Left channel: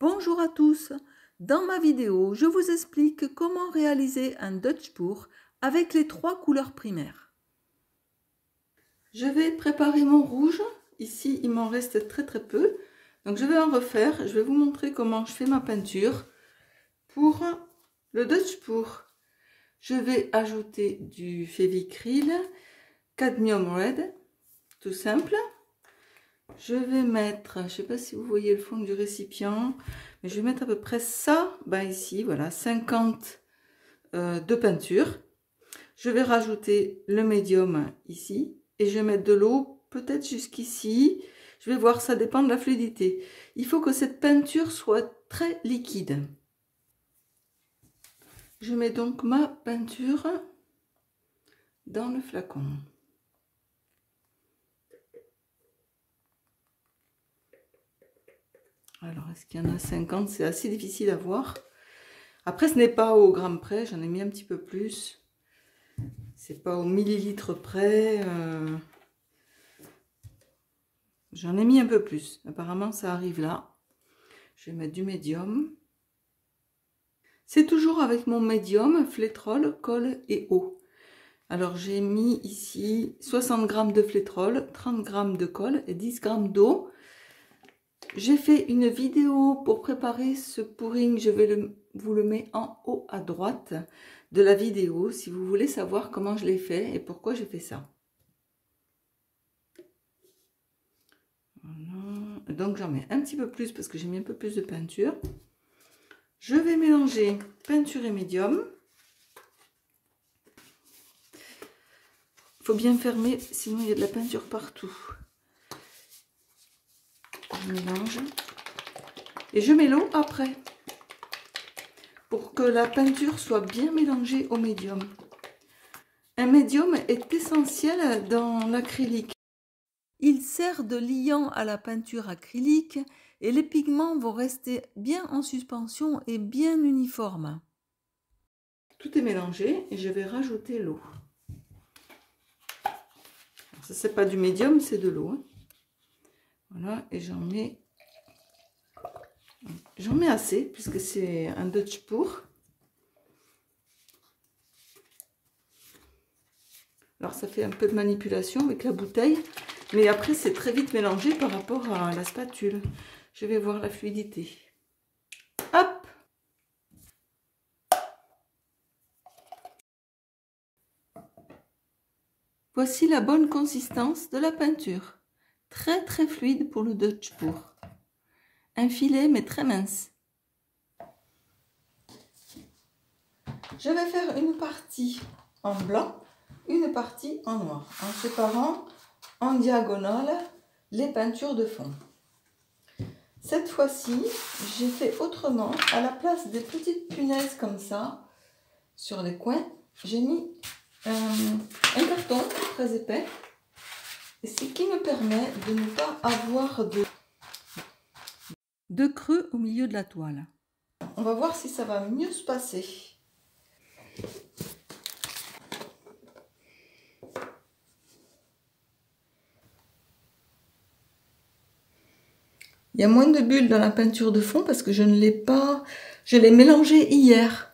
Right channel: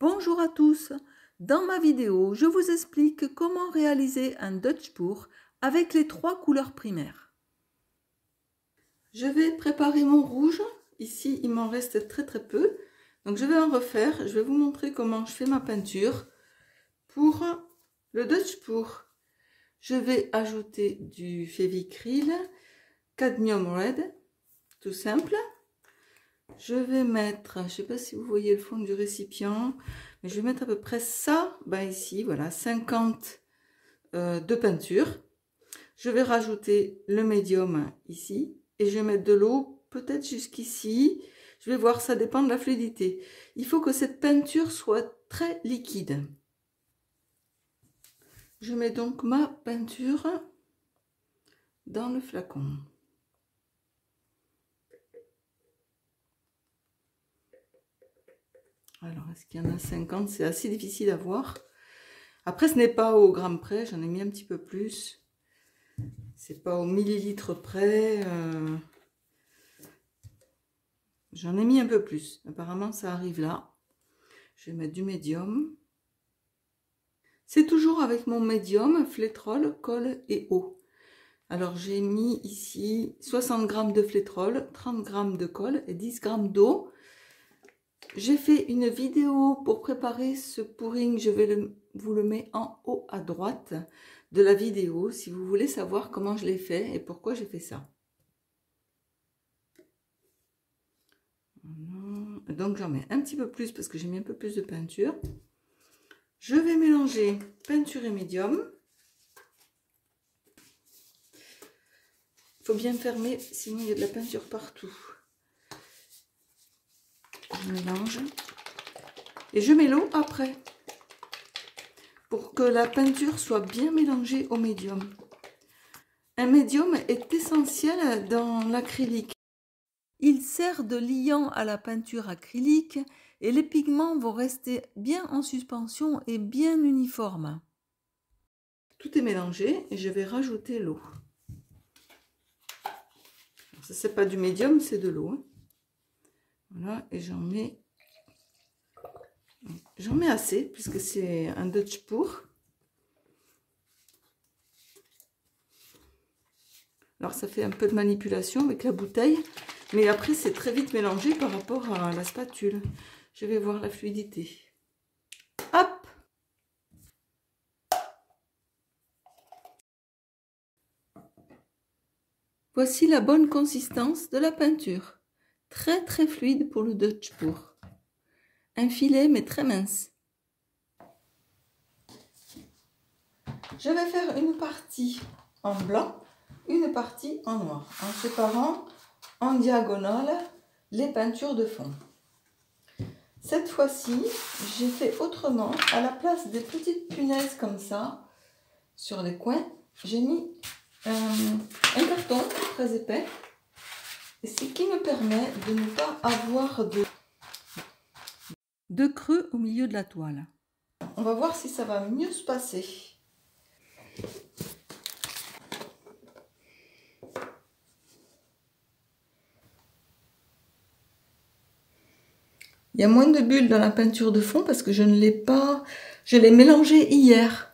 Bonjour à tous. Dans ma vidéo, je vous explique comment réaliser un Dutch pour avec les 3 couleurs primaires. Je vais préparer mon rouge. Ici, il m'en reste très peu. Donc, je vais en refaire. Je vais vous montrer comment je fais ma peinture pour le Dutch pour. Je vais ajouter du Févicryl Cadmium Red, tout simple. Je vais mettre, je ne sais pas si vous voyez le fond du récipient, mais je vais mettre à peu près ça, ici, voilà, 50 de peinture. Je vais rajouter le médium ici, et je vais mettre de l'eau, peut-être jusqu'ici. Je vais voir, ça dépend de la fluidité. Il faut que cette peinture soit très liquide. Je mets donc ma peinture dans le flacon. Alors, est-ce qu'il y en a 50? C'est assez difficile à voir. Après, ce n'est pas au gramme près, j'en ai mis un petit peu plus. C'est pas au millilitre près. J'en ai mis un peu plus. Apparemment, ça arrive là. Je vais mettre du médium. C'est toujours avec mon médium, flétrol, colle et eau. Alors, j'ai mis ici 60 g de flétrol, 30 g de colle et 10 g d'eau. J'ai fait une vidéo pour préparer ce pouring, je vais vous le mettre en haut à droite de la vidéo si vous voulez savoir comment je l'ai fait et pourquoi j'ai fait ça. Voilà. Donc j'en mets un petit peu plus parce que j'ai mis un peu plus de peinture. Je vais mélanger peinture et médium. Il faut bien fermer, sinon il y a de la peinture partout. Je mélange. Et je mets l'eau après, pour que la peinture soit bien mélangée au médium. Un médium est essentiel dans l'acrylique. Il sert de liant à la peinture acrylique et les pigments vont rester bien en suspension et bien uniformes. Tout est mélangé et je vais rajouter l'eau. Ça, c'est pas du médium, c'est de l'eau. Hein. Voilà, et j'en mets assez puisque c'est un Dutch pour. Alors ça fait un peu de manipulation avec la bouteille, mais après c'est très vite mélangé par rapport à la spatule. Je vais voir la fluidité. Hop! Voici la bonne consistance de la peinture. Très fluide pour le Dutch pour. Un filet mais très mince. Je vais faire une partie en blanc, une partie en noir, en séparant en diagonale les peintures de fond. Cette fois-ci, j'ai fait autrement. À la place des petites punaises comme ça, sur les coins, j'ai mis un carton très épais. Et ce qui me permet de ne pas avoir de creux au milieu de la toile. On va voir si ça va mieux se passer. Il y a moins de bulles dans la peinture de fond parce que je ne l'ai pas... Je l'ai mélangé hier.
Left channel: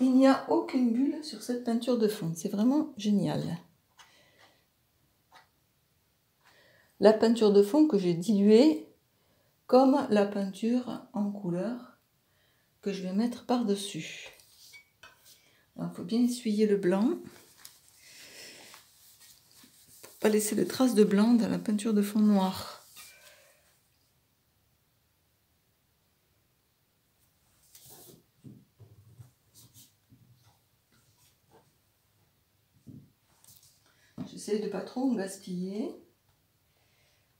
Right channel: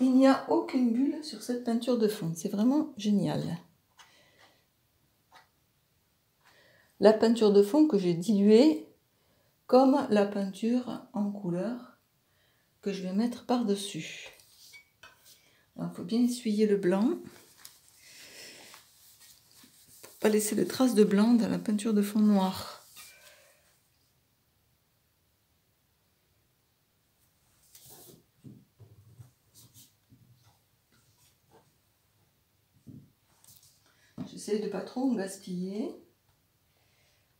Il n'y a aucune bulle sur cette peinture de fond. C'est vraiment génial. La peinture de fond que j'ai diluée comme la peinture en couleur que je vais mettre par-dessus. Il faut bien essuyer le blanc. Pour pas laisser de traces de blanc dans la peinture de fond noir. J'essaie de pas trop me gaspiller.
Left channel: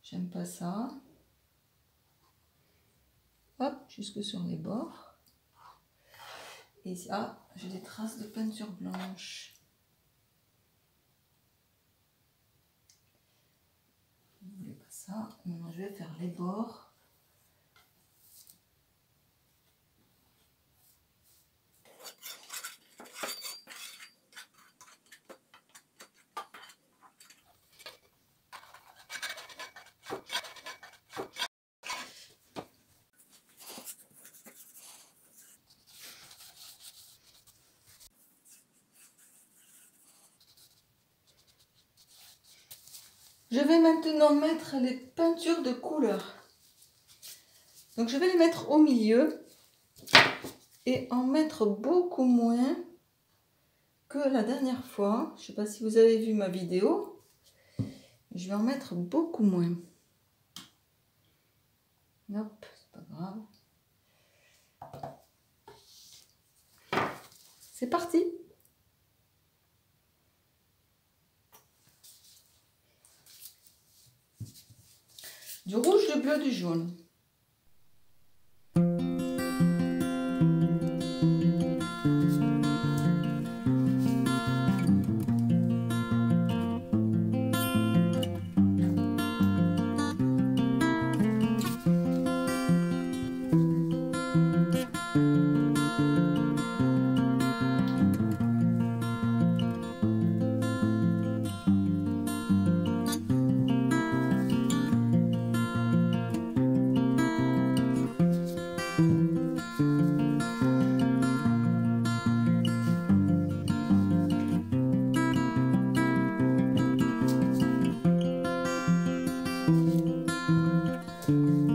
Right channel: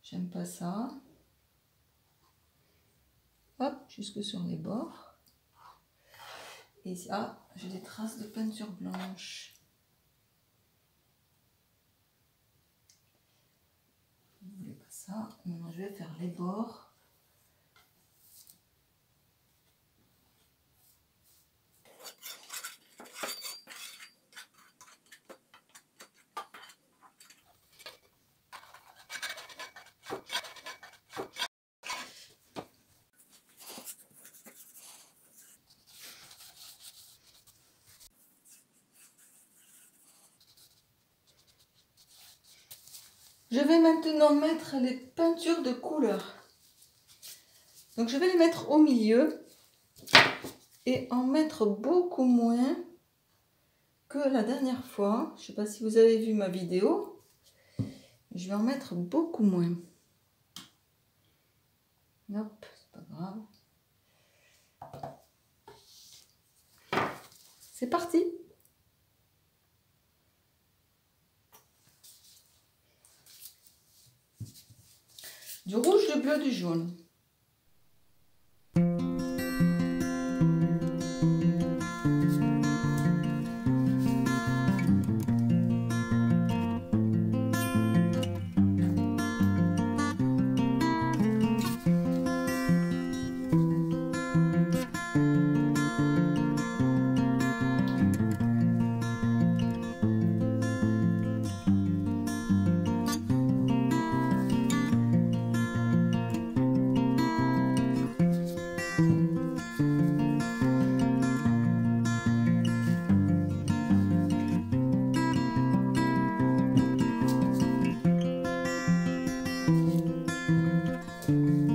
J'aime pas ça. Hop, jusque sur les bords. Et ici, j'ai des traces de peinture blanche. ça. Maintenant, je vais faire les bords. Je vais maintenant mettre les peintures de couleur. Donc je vais les mettre au milieu et en mettre beaucoup moins que la dernière fois. Je ne sais pas si vous avez vu ma vidéo. Je vais en mettre beaucoup moins. Hop, c'est pas grave. C'est parti! Du rouge, du bleu, du jaune.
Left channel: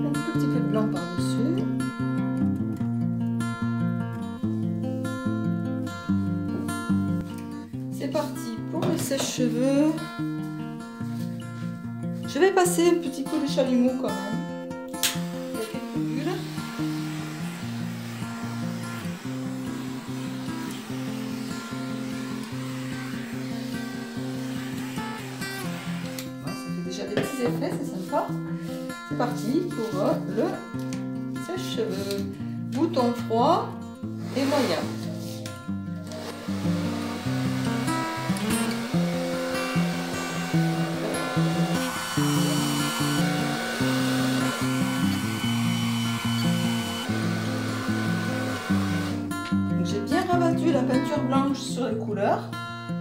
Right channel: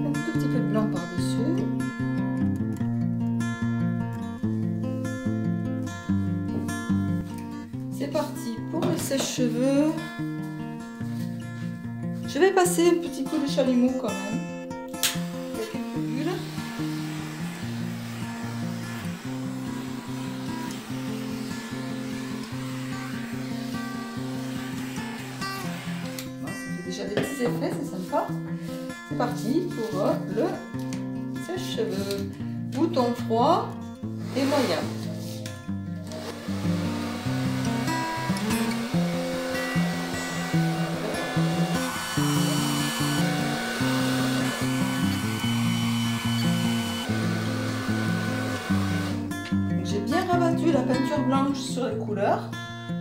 Un tout petit peu de blanc par-dessus. C'est parti pour le sèche-cheveux. Je vais passer un petit coup de chalumeau quand même. Il y a quelques bulles. Bon, ça fait déjà des petits effets, c'est sympa. C'est parti pour le sèche-cheveux. Bouton froid et moyen. J'ai bien rabattu la peinture blanche sur les couleurs,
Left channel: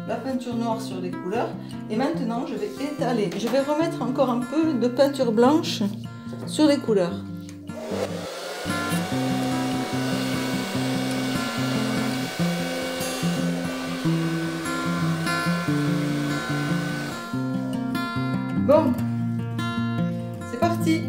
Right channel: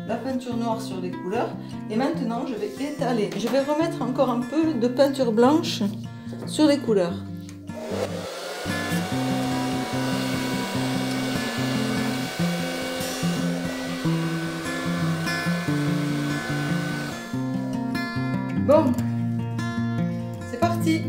la peinture noire sur les couleurs, et maintenant je vais étaler. Je vais remettre encore un peu de peinture blanche sur les couleurs. Bon, c'est parti.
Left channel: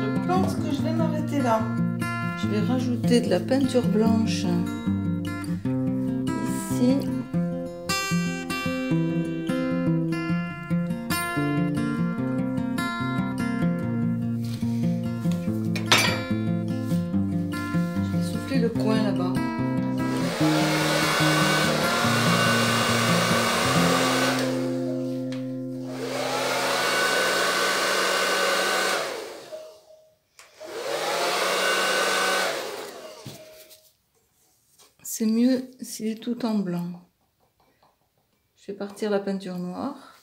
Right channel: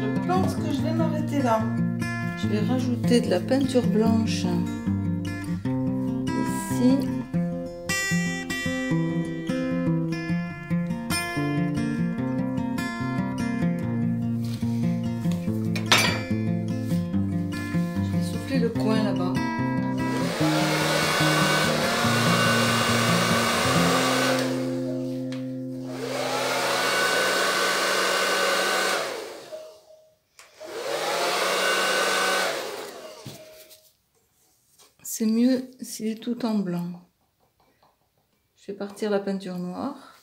Je pense que je vais m'arrêter là. Je vais rajouter de la peinture blanche ici. Je vais souffler le coin là-bas. C'est mieux s'il est tout en blanc. Je vais partir la peinture noire.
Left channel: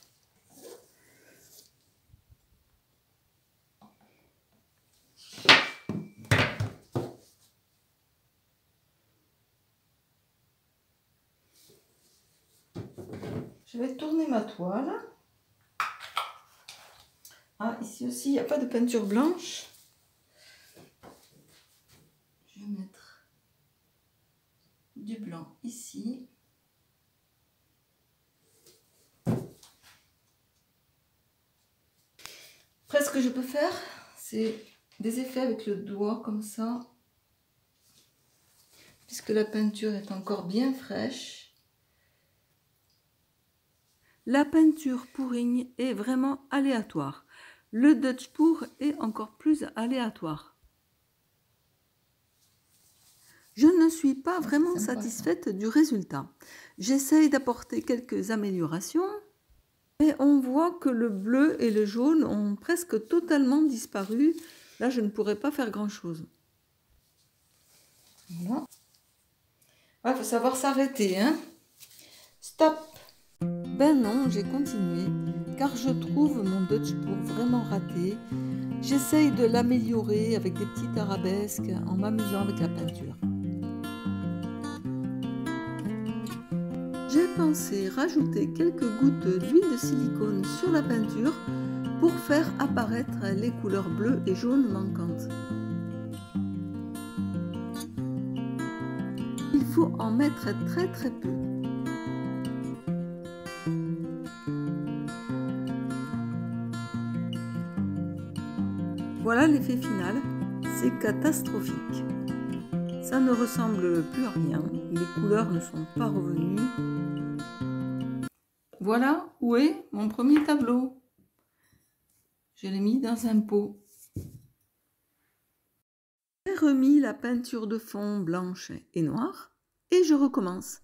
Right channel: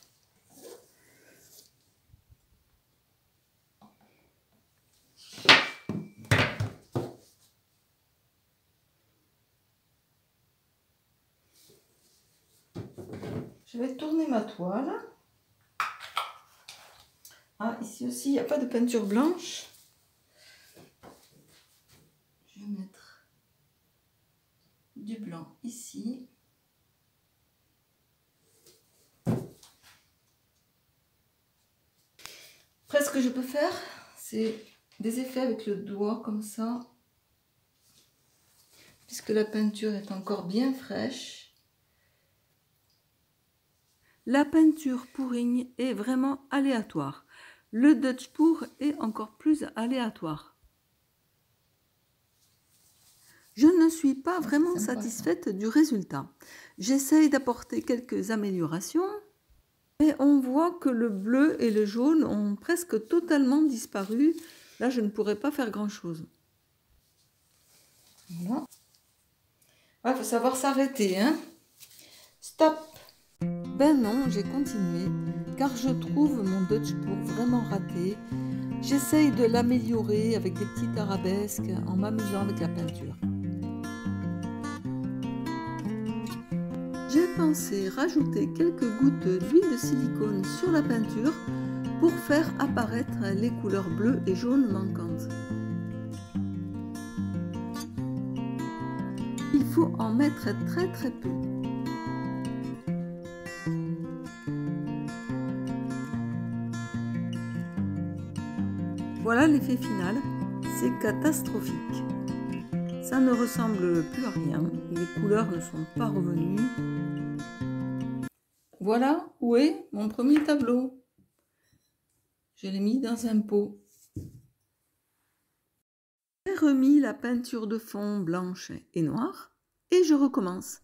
Je vais tourner ma toile. Ah, ici aussi, il n'y a pas de peinture blanche. Je vais mettre du blanc ici. Après, ce que je peux faire, c'est des effets avec le doigt comme ça. Puisque la peinture est encore bien fraîche. La peinture pourrigne est vraiment aléatoire. Le Dutch pour est encore plus aléatoire. Je ne suis pas vraiment satisfaite du résultat. J'essaye d'apporter quelques améliorations, mais on voit que le bleu et le jaune ont presque totalement disparu. Là, je ne pourrais pas faire grand-chose. Voilà. Il faut savoir s'arrêter, hein. Stop. Ben non, j'ai continué, car je trouve mon Dutch pour vraiment raté. J'essaye de l'améliorer avec des petites arabesques en m'amusant avec la peinture. J'ai pensé rajouter quelques gouttes d'huile de silicone sur la peinture pour faire apparaître les couleurs bleues et jaunes manquantes. Il faut en mettre très peu. Voilà l'effet final, c'est catastrophique. Ça ne ressemble plus à rien, les couleurs ne sont pas revenues. Voilà où est mon premier tableau. Je l'ai mis dans un pot. J'ai remis la peinture de fond blanche et noire et je recommence.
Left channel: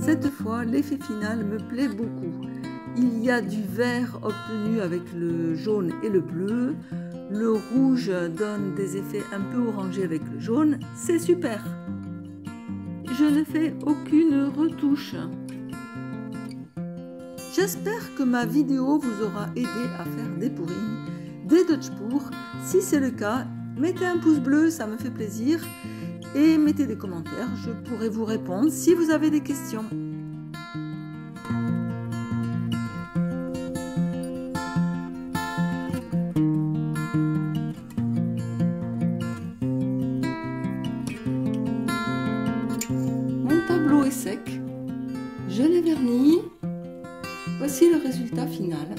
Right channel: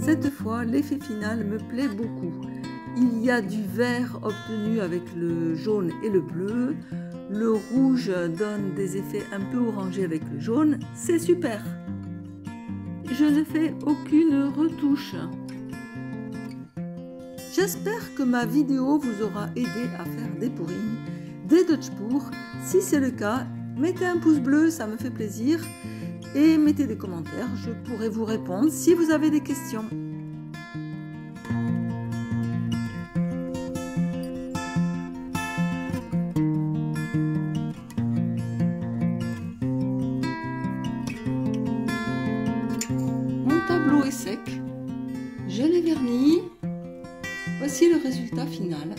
Cette fois, l'effet final me plaît beaucoup. Il y a du vert obtenu avec le jaune et le bleu. Le rouge donne des effets un peu orangés avec le jaune. C'est super! Je ne fais aucune retouche. J'espère que ma vidéo vous aura aidé à faire des pourrings, des Dutchpours. Si c'est le cas, mettez un pouce bleu, ça me fait plaisir. Et mettez des commentaires, je pourrai vous répondre si vous avez des questions. Mon tableau est sec, je l'ai verni. Voici le résultat final.